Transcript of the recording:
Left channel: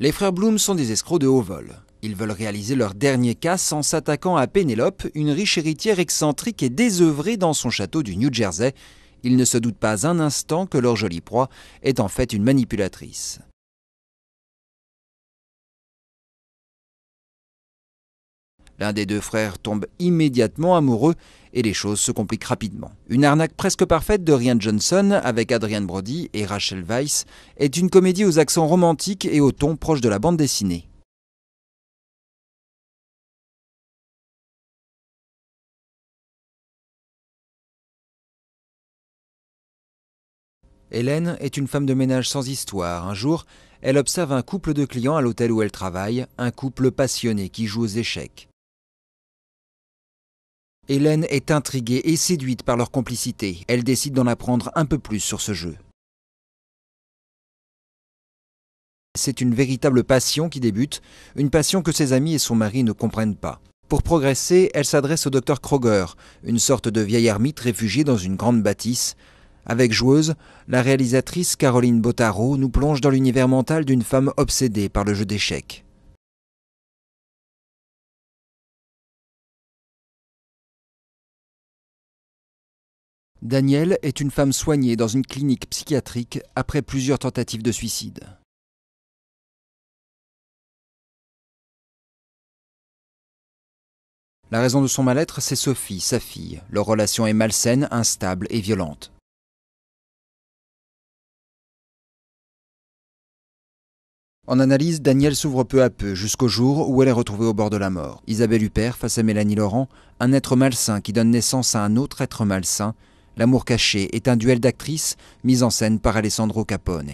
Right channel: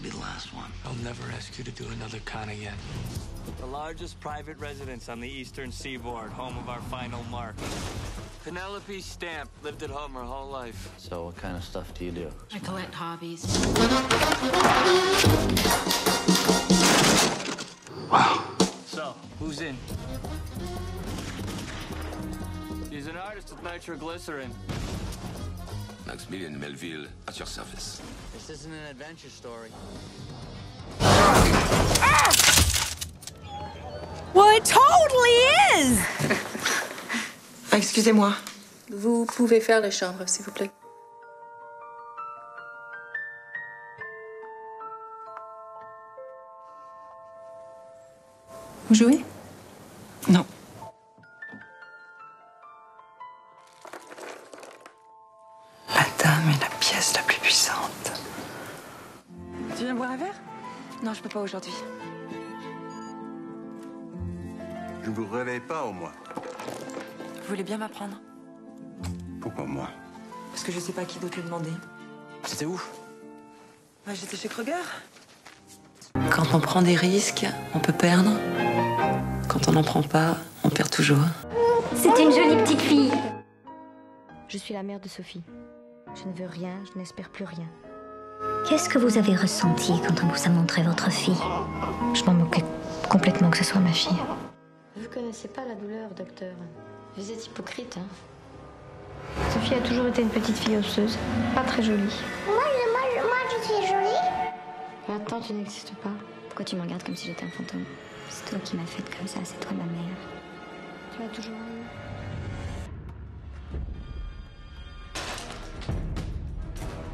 Les frères Bloom sont des escrocs de haut vol. Ils veulent réaliser leur dernier casse en s'attaquant à Pénélope, une riche héritière excentrique et désœuvrée dans son château du New Jersey. Ils ne se doutent pas un instant que leur jolie proie est en fait une manipulatrice. L'un des deux frères tombe immédiatement amoureux et les choses se compliquent rapidement. Une arnaque presque parfaite de Rian Johnson avec Adrien Brody et Rachel Weisz est une comédie aux accents romantiques et au ton proche de la bande dessinée. Well, it totally is! Excusez-moi. Vous pouvez faire les chambres, s'il vous plaît. Hélène est une femme de ménage sans histoire. Un jour, elle observe un couple de clients à l'hôtel où elle travaille, un couple passionné qui joue aux échecs. Vous jouez? Non. Hélène est intriguée et séduite par leur complicité. Elle décide d'en apprendre un peu plus sur ce jeu. La dame est la pièce la plus puissante. C'est une véritable passion qui débute, une passion que ses amis et son mari ne comprennent pas. Pour progresser, elle s'adresse au docteur Kroger, une sorte de vieil ermite réfugié dans une grande bâtisse. Avec Joueuse, la réalisatrice Caroline Bottaro nous plonge dans l'univers mental d'une femme obsédée par le jeu d'échecs. Quand on prend des risques, on peut perdre. Quand on n'en prend pas, on perd toujours. C'est une jolie petite fille. Danielle est une femme soignée dans une clinique psychiatrique après plusieurs tentatives de suicide. Qu'est-ce que vous avez ressenti quand on vous a montré votre fille? Je m'en moquais complètement que ce soit ma fille. La raison de son mal-être, c'est Sophie, sa fille. Leur relation est malsaine, instable et violente. Sophie a toujours été une petite fille osseuse, pas très jolie. Moi, je suis jolie. En analyse, Danielle s'ouvre peu à peu jusqu'au jour où elle est retrouvée au bord de la mort. Isabelle Huppert face à Mélanie Laurent, un être malsain qui donne naissance à un autre être malsain. L'amour caché est un duel d'actrices mis en scène par Alessandro Capone.